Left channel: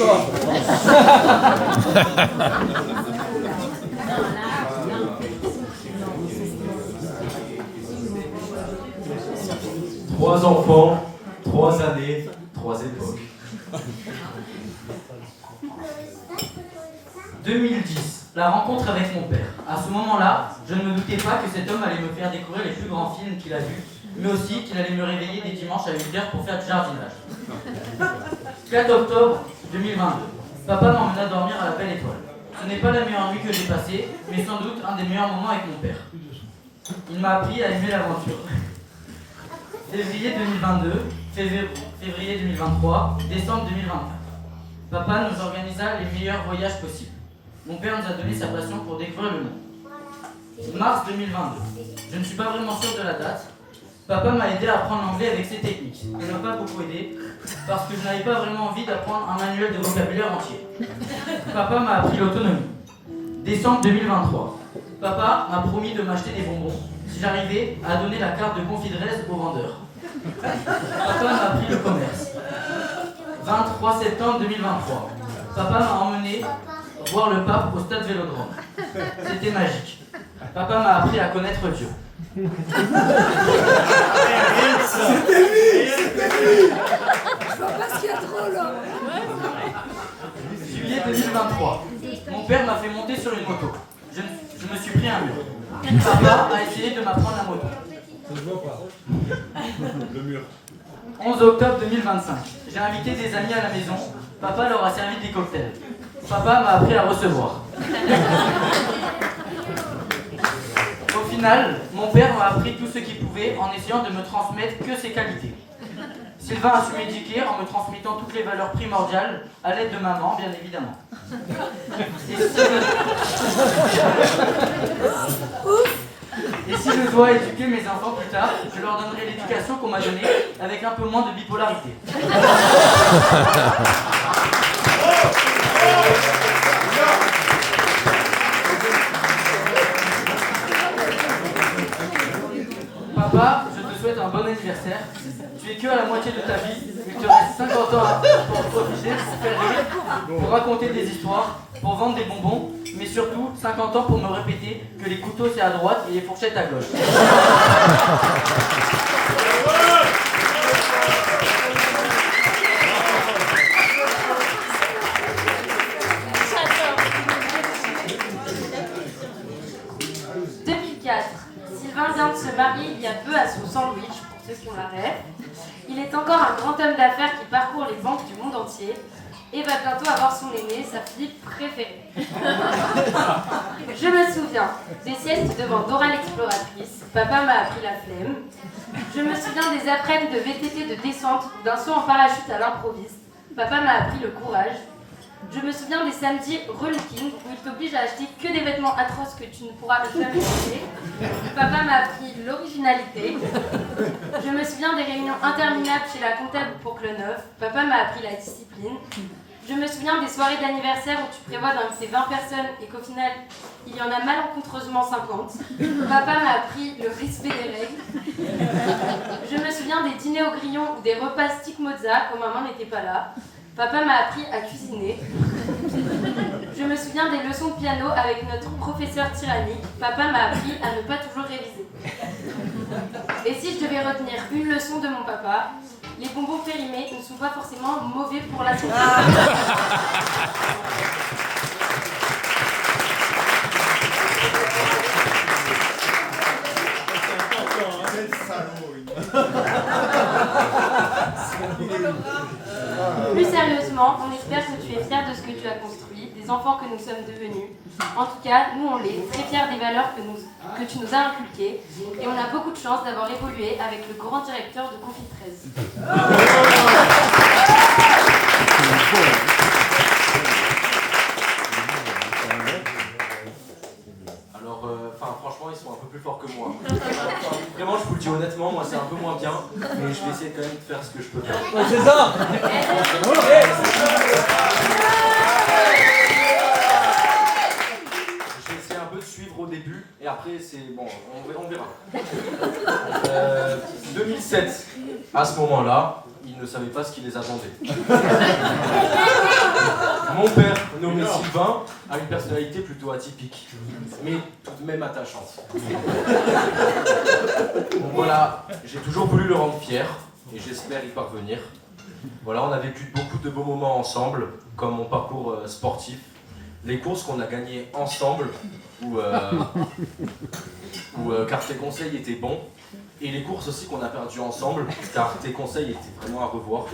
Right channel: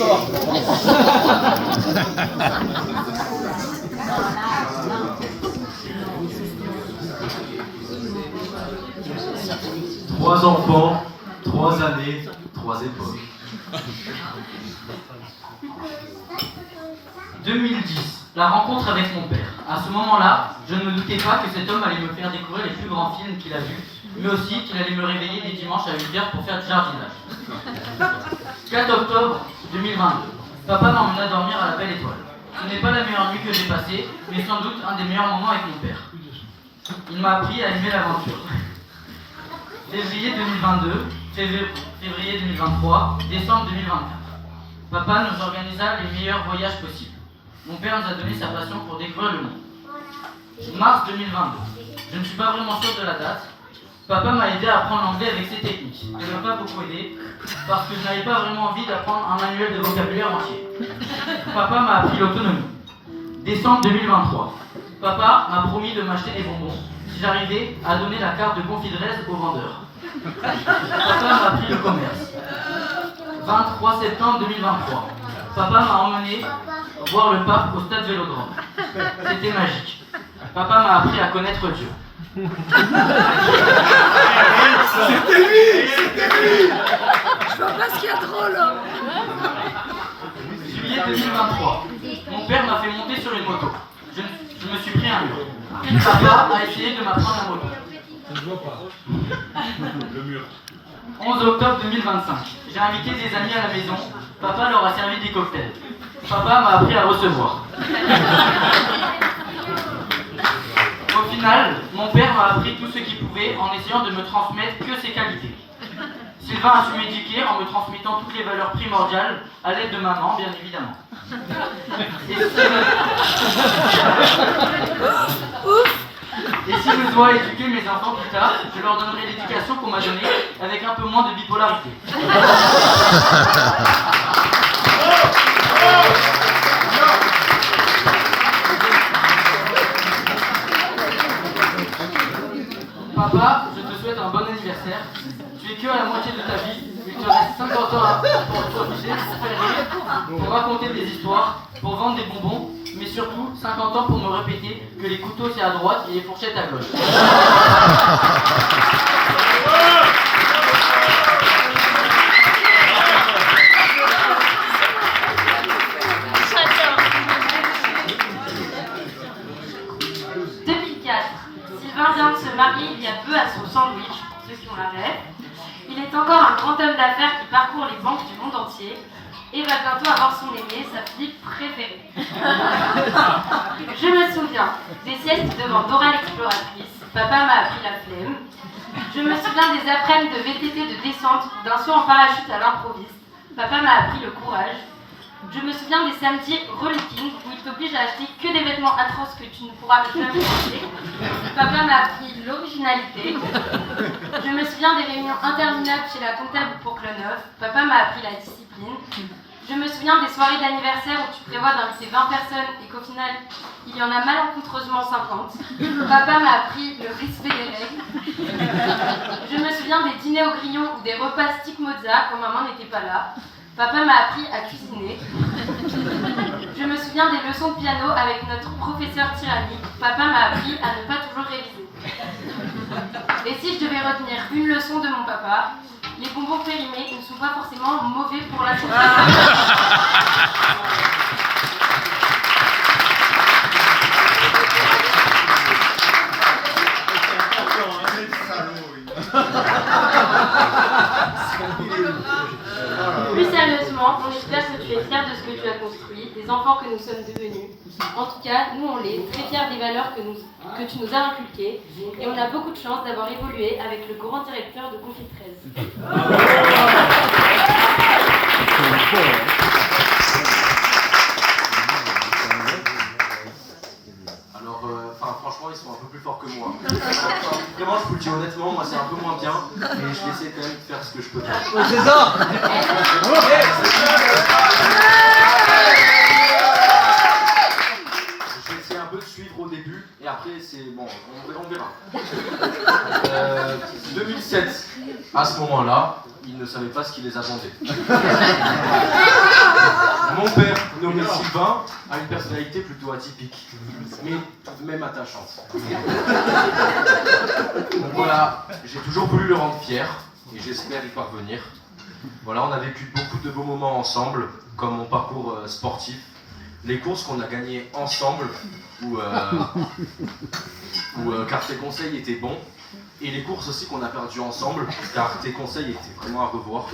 encore. Trois enfants, 3 années, 3 époques. 2010, la rencontre avec mon père. À ce moment-là, je ne me doutais pas que cet homme allait me faire découvrir les plus grands films qu'il a vus, mais aussi qu'il allait me réveiller des dimanches à 8h pour faire du jardinage. 4 octobre 2022, papa m'emmena dormir à la Belle Étoile. Ce n'est pas la meilleure nuit que j'ai passée, mais sans doute un des meilleurs moments avec mon père. Il m'a appris à aimer l'aventure. Février 2022, février 2023, décembre 2024. Papa nous organisa les meilleurs voyages possibles. Mon père nous a donné sa passion pour découvrir le monde. Mars 2022. Je ne suis pas vraiment sûr de la date. Papa m'a aidé à apprendre l'anglais avec ses techniques. Ça ne m'a pas beaucoup aidé, parce que je n'avais pas vraiment envie d'apprendre un manuel de vocabulaire entier. Papa m'a appris l'autonomie. Décembre 2023. Papa m'a promis de m'acheter des bonbons si j'arrivais à donner la carte de confidence au vendeur. Papa m'a appris le commerce. 23 septembre 2023. Papa m'a emmené voir le pape au stade Vélodrome. C'était magique. Papa m'a appris à connaître Dieu. C'était lui. Je vois pas ce qu'il y a de drôle là. Juillet 2023. Mon père m'a fait monter sur une moto. Je me suis pris un mur. Papa a essayé de m'apprendre la moto. Je vois pas. Le mur. 11 octobre 2025. J'ai invité des amis à la maison. Papa leur a servi des cocktails. Papa m'a appris à recevoir. Au final, mon père m'a appris tout ce qu'il pouvait en essayant de me transmettre que ses qualités. Sylvain a su m'éduquer en me transmettant toutes les valeurs primordiales à l'aide de maman, bien évidemment. Et si je dois éduquer mes enfants plus tard, je leur donnerai l'éducation qu'on m'a donnée avec un peu moins de bipolarité. Papa, je te souhaite un bon anniversaire. Tu es que à la moitié de ta vie. Il te reste 50 ans pour profiter, pour faire rire, pour raconter des histoires, pour vendre des bonbons, mais surtout 50 ans pour me répéter que les couteaux c'est à droite et les fourchettes à gauche. Sylvain vient de se marier il y a peu à son sandwich, pour ceux qui ont la rêve. Il est encore un grand homme d'affaires qui parcourt les banques du monde entier et va bientôt avoir son aimé, sa fille préférée. Je me souviens des siestes devant Dora l'exploratrice. Papa m'a appris la flemme. Je me souviens des après-midi de VTT de descente ou d'un saut en parachute à l'improviste. Papa m'a appris le courage. Je me souviens des samedis relooking où il t'oblige à acheter que des vêtements atroces que tu ne pourras jamais porter. Papa m'a appris l'originalité. Je me souviens des réunions interminables chez la comptable pour Cloneuf. Papa m'a appris la discipline. Je me souviens des soirées d'anniversaire où tu prévois d'inviter 20 personnes et qu'au final, il y en a malencontreusement 50. Papa m'a appris le respect des règles. Je me souviens des dîners au grillon ou des repas stick mozza quand maman n'était pas là. Papa m'a appris à cuisiner. Je me souviens des leçons de piano avec notre professeur tyrannique. Papa m'a appris à ne pas toujours réviser. Et si je devais retenir une leçon de mon papa, les bonbons périmés ne sont pas forcément mauvais pour la santé. Plus sérieusement, on espère que tu es fier de ce que tu as construit, des enfants que nous sommes devenus. En tout cas, nous on l'est, très fiers des valeurs que tu nous as inculquées. Et on a beaucoup de chance d'avoir évolué avec le grand directeur de Confit 13. Alors, franchement, ils sont un peu plus forts que moi. Vraiment, je vous le dis honnêtement, moi c'est un peu moins bien, mais je vais essayer quand même de faire ce que je peux faire. Ouais, c'est ça. Je vais essayer un peu de suivre au début, et après, c'est bon, on verra. 2007, à ce moment-là, ils ne savaient pas ce qui les attendait. nommé Sylvain a une personnalité plutôt atypique, mais tout de même attachante. Donc voilà, j'ai toujours voulu le rendre fier, et j'espère y parvenir. Voilà, on a vécu beaucoup de beaux moments ensemble, comme mon parcours sportif, les courses qu'on a gagnées ensemble, car tes conseils étaient bons, et les courses aussi qu'on a perdues ensemble, car tes conseils étaient vraiment à revoir.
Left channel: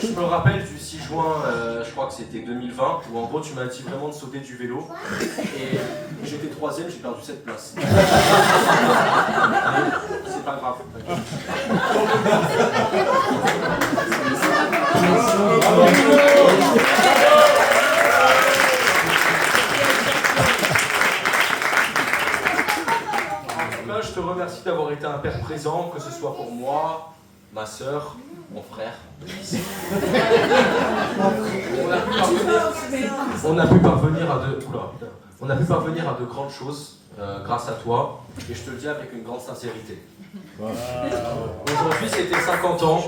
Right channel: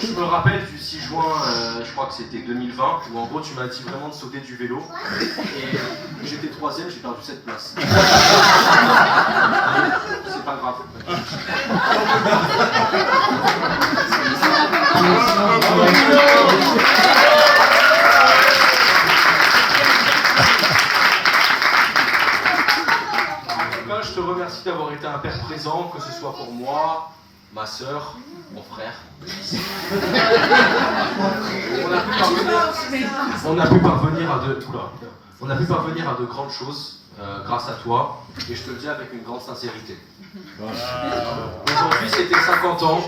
Je me rappelle du 6 juin, je crois que c'était 2020, où en gros tu m'as dit vraiment de sauter du vélo, et j'étais 3ème, j'ai perdu cette place. C'est pas grave. Je te remercie d'avoir été un père présent, que ce soit pour moi, ma sœur, mon frère. On a pu parvenir à de grandes choses grâce à toi, et je te le dis avec une grande sincérité. Aujourd'hui, c'est tes 50 ans,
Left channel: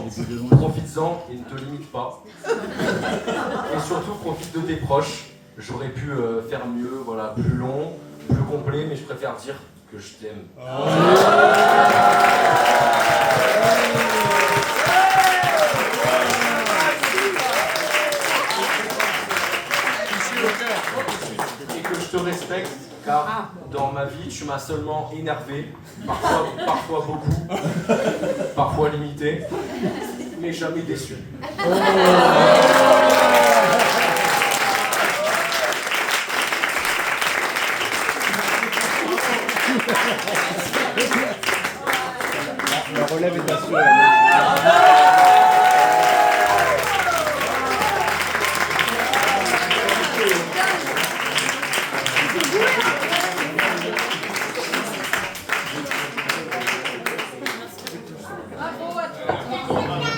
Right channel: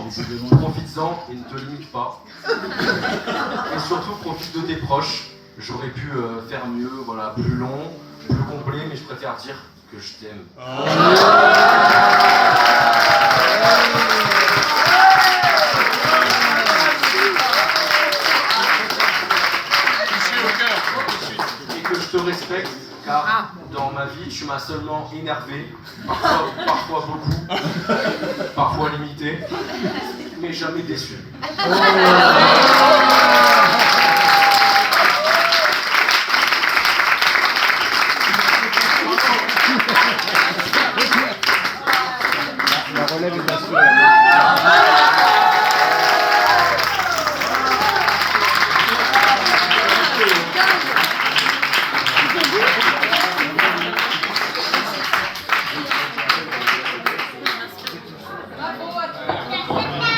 profites-en et ne te limite pas. Et surtout, profite de tes proches. J'aurais pu faire mieux, voilà, plus long, plus complet, mais je préfère dire que je t'aime. Et que je te respecte, car dans ma vie, tu m'as seulement énervé, parfois beaucoup, parfois limité, mais jamais déçu.